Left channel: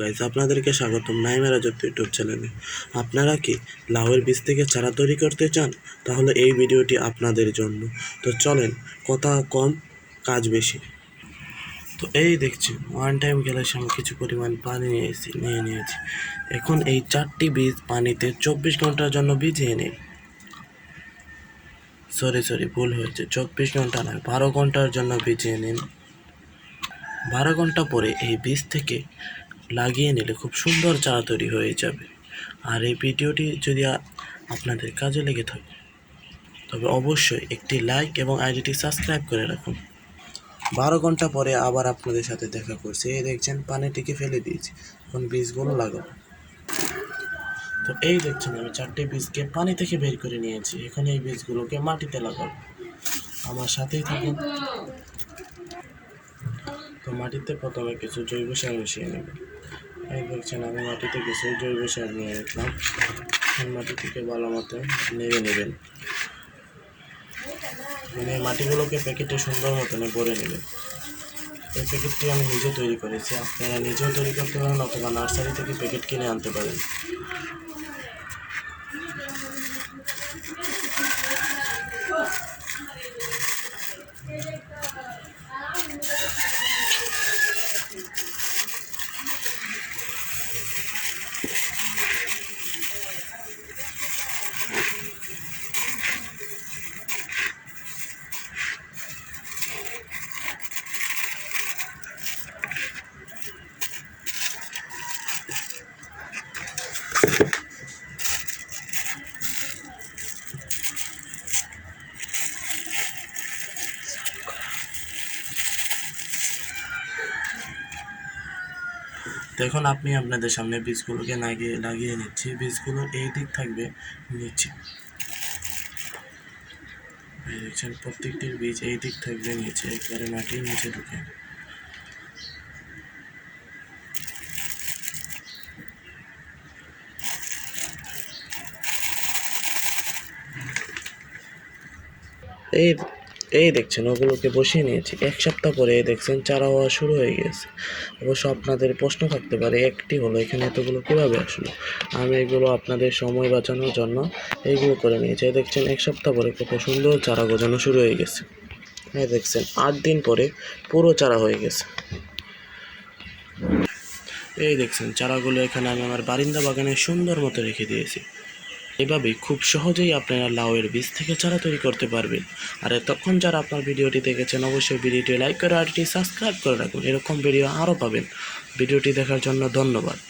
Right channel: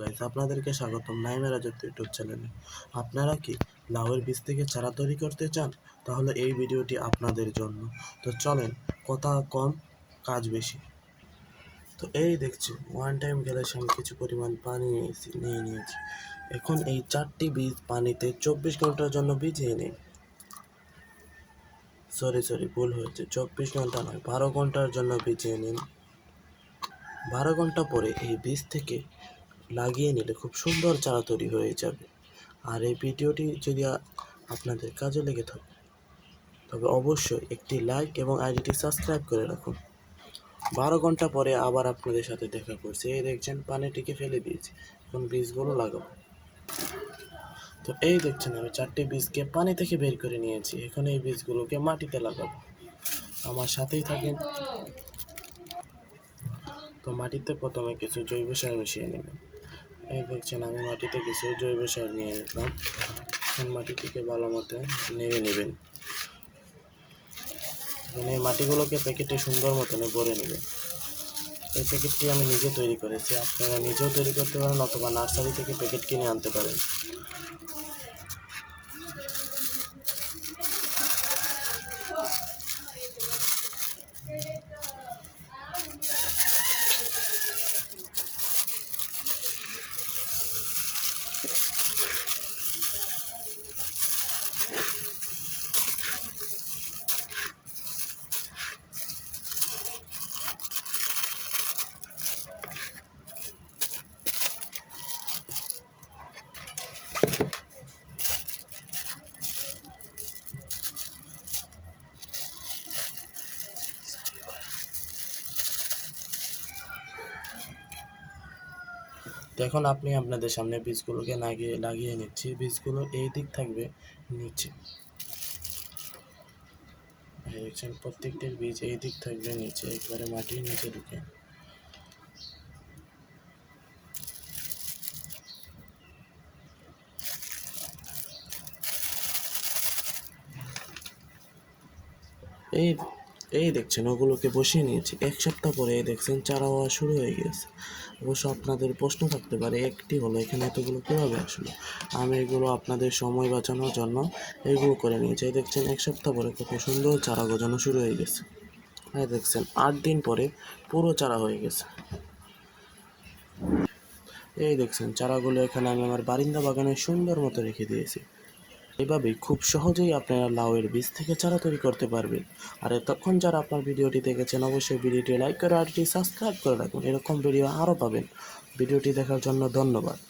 Guys আপনাদেরকে স্বাগতম নাইমা রাজত্ব ইউটিউব চ্যানেলে। আপনারা কি লাউয়ের বীজ থেকে চারা তৈরি করতে চান? তাহলে এই ভিডিওটি আপনাদের জন্য। তো চলেন, কথা কম, কাজ বেশি। তো এই দেখছি ওয়ান টাইম গ্যাসে আমি কিছু পরিমাণ পানি নিয়েছি, নিয়ে নিয়েছি। এখন এই চারটি বীজ পানিতে চব্বিশ ঘণ্টার জন্য ভিজিয়ে নিই সরি সরি ভুল হয়েছে। চব্বিশ ঘণ্টা নয়, বারো ঘণ্টার জন্য ভিজিয়ে নিন। বারো ঘণ্টা পরে এই বীজ থেকে লাগিয়ে নিলে খুব সুন্দর চা তৈরি হয়ে যাবে। আর এই ভিডিওটি যদি আপনাদের কাজে লেগে থাকে, তবে অবশ্যই একটি লাইক এবং আইডিটি সাবস্ক্রাইব করে রাখুন। বারো ঘণ্টা পরে আবার আপনাদের সাথে দেখা করছি। এই দেখছেন পানিটিকে ফেলে দিয়েছি। এখন বীজগুলো লাগাবো। তো এই দেখছেন, আমি চারটে বীজকে পানি থেকে বের করে নিয়েছি। এখন এই বীজগুলোকে মাটিতে লাগাবো। আমার সাথেই থাকেন। তো মাটিতে প্রথমে কিছু জৈব সার মিশিয়ে নেব। এই দেখছেন আমি মাটিতে কিছু জৈব সার নিয়ে রাখলাম। এখন মাটিটিকে ভালো মতো নেড়ে নেবেন। মানে মাটিগুলোকে প্যাকেটে সুন্দর মতন ভরে নেবেন। এই প্যাকেটটি আমি নিজে তৈরি করেছি। আপনারা নিজেও তৈরি করতে পারেন অথবা নার্সারি থেকে প্যাকেট কিনে আনতে পারেন। তো এখন আপনি আপনাদের সামনে বীজগুলোকে লাগিয়ে লাগিয়ে নিচ্ছি। বীজগুলো এই দিক থাকবে, নিচে। দেখছেন প্রত্যেকটির বীজ এই দিক থাকবে, নিচে। একবারে মাটির নিচে ঢুকে। এই এই দেখছেন, ওগুলোকে বসিয়ে নিয়েছি। এক সপ্তাহ পরে এই দেখছেন, চারা হওয়া শুরু হয়ে গেছে। অবশ্য আপনাদের প্রশ্ন থাকতে পারে, একটি হলো এখানে এতগুলো কীভাবে আসলো? আমি এগুলো আপনাদের সময় বাঁচানোর জন্য এইগুলো করে নিয়েছি। এই দেখছেন, এক সপ্তাহ পরে কত সুন্দর চারা গজানো শুরু হয়ে গেছে। হ্যাঁ দেখছেন, আট দিন পরে পুরো চারা হয়ে গেছে। এই দেখছেন, চারাগুলো এখানে আমি আমার বারিন্দা বাগানে সুন্দর মতো রেখে দিয়েছি। এভাবে খুব সহজেই আপনারা লাউয়ের বীজ থেকে চারা তৈরি করতে পারবেন। আর এতক্ষণ যারা আপনার ভিডিওটি দেখেছেন, অবশ্যই ভিডিওটি লাইক করে আরটি সাবস্ক্রাইব করে রাখুন। এরকম ভিডিও আরও পাবেন। ভিডিওটি দেখার জন্য ধন্যবাদ।